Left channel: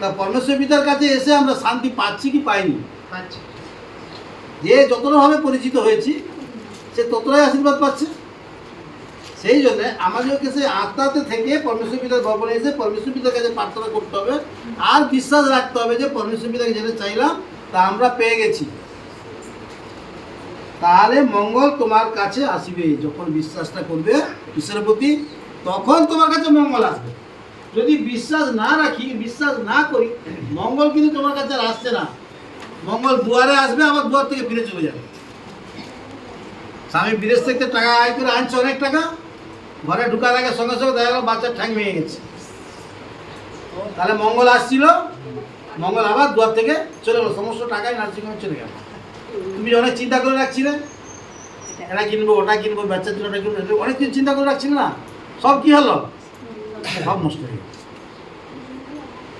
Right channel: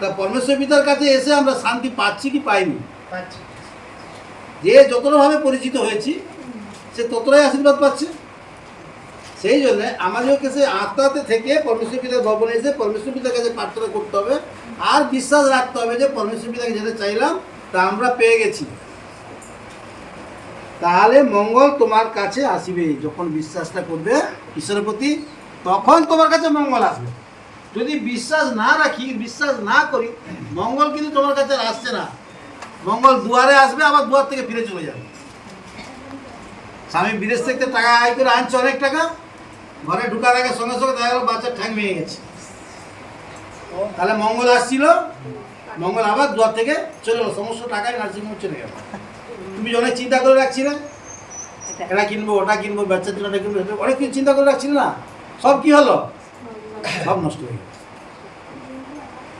তা পরমেশ্বর পিতার কাছে এসে আমরা শান্তি পাচ্ছি কি পাইনি? যে যতটাভাবে পরিচিত হয়েছি সে ততটাই আশীর্বাদ পাচ্ছে। সেই জন্য আমাদেরকে সে আত্মাতে থেকে পরমেশ্বর পিতার ভবনে এসে পরমেশ্বর পিতার কাছে প্রার্থনা করতে হবে, আর বিশ্বাস রাখতে হবে যে পরমেশ্বর পিতাকে যেটা চাইলাম তা আমরা পেয়ে গেছি। তাহলে মঙ্গল তোমার কাছে আসবে। যখন বিশ্বাসটা করবে ঈশ্বরের প্রতি, তখন তোমার কাছে মঙ্গল আসবে। যদি বিশ্বাস না রাখি, বিশ্বাস না করি, মঙ্গল কিন্তু তোমার কাছে আর আসছে না। মঙ্গল দুয়ারে আসবে, আবার দুয়ার থেকে ফিরে চলে যাবে। স্বামী বিদেশ থেকে টাকা আয় করে আনছে, অনেক টাকা, ঘরে ঢুকার আগে সঙ্গে সঙ্গে দেখা গেল বাচ্চার ঠ্যাং ভেঙে গেছে। তাহলে মঙ্গল আসছিল, মঙ্গল আবার দুয়ার থেকে চলে গেল, সমস্ত টাকায় নার্সিংহোমে চলে গেল। তুমি অনেক চিন্তা করে রাখছিলে, এটা কিনবো, ওটা কিনবো, বাচ্চার জন্য ওটা কিনবো, অনেক কিছু চিন্তা করে রাখছিলে না, সব কি হলো? সব নষ্ট হয়ে গেল।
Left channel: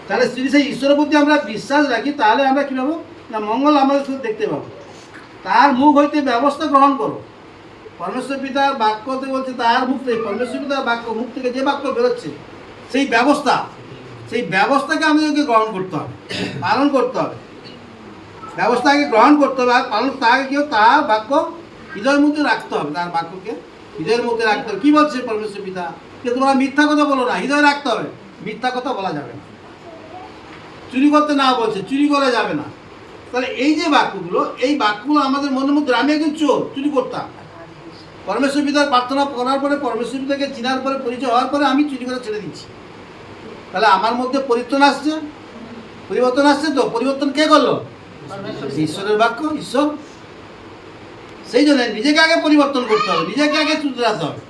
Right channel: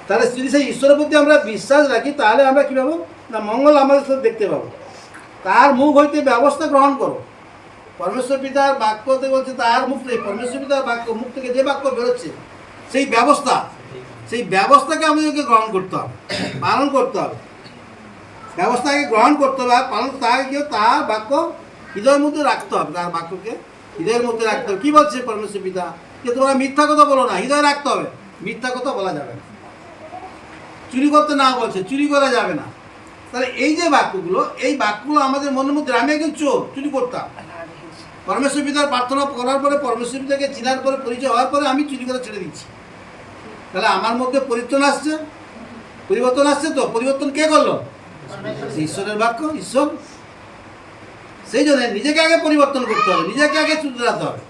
তাহলে যদি সেই ঈশ্বরের প্রতি আমরা বিশ্বাস রাখি, তাহলে আমরা কী পাবো না, মঙ্গল আমাদের সাথে দেখতে পাবো। তার মুখ হইতে ব্যবস্থা গ্রহণ করো। পরমেশ্বর পিতার বাক্যতে বলছে, তার মুখ থেকে, পরমেশ্বর পিতার বাক্য মুখ থেকে যে বাক্য বেরোচ্ছে, সেই ব্যবস্থাকে আমাদেরকে গ্রহণ করতে হবে, পালন করতে হবে। ব্যবস্থাকে গ্রহণ করতে হবে, আর পালন তাকে কেউ তার বাক্য হৃদয়ের মধ্যে রাখতে হবে। তার বাক্যকে হৃদয়ের মধ্যে রাখতে হবে। কী বলছে পরমেশ্বর পিতা? যে তোমরা মিথ্যা কথা বলো না, হৃদয়ে রাখতে হবে। মিথ্যা কথা বলা যাবে না। চুরি করতে না বলছে, চুরি করা যাবে না। তাহলে এই যে বাক্যগুলো, এই বাক্যগুলো আমাদের মনের মধ্যে, আমি একজন চোর, চুরি করতাম, পরমেশ্বর পিতার প্রার্থনা করার পরে, পরমেশ্বর পিতাকে চিনার পরে, পরিচয় হওয়ার পরে আমি চুরি করে ছেড়ে দিচ্ছি। তাহলে আমার মধ্যে পরিবর্তন আসছে, তো পরিবর্তন কে করলো? ঈশ্বরের বাক্য, ঈশ্বর। সেই জন্য নিজেকে আগে পরিবর্তন করতে হবে, নিজেকে আগে শুধরাতে হবে।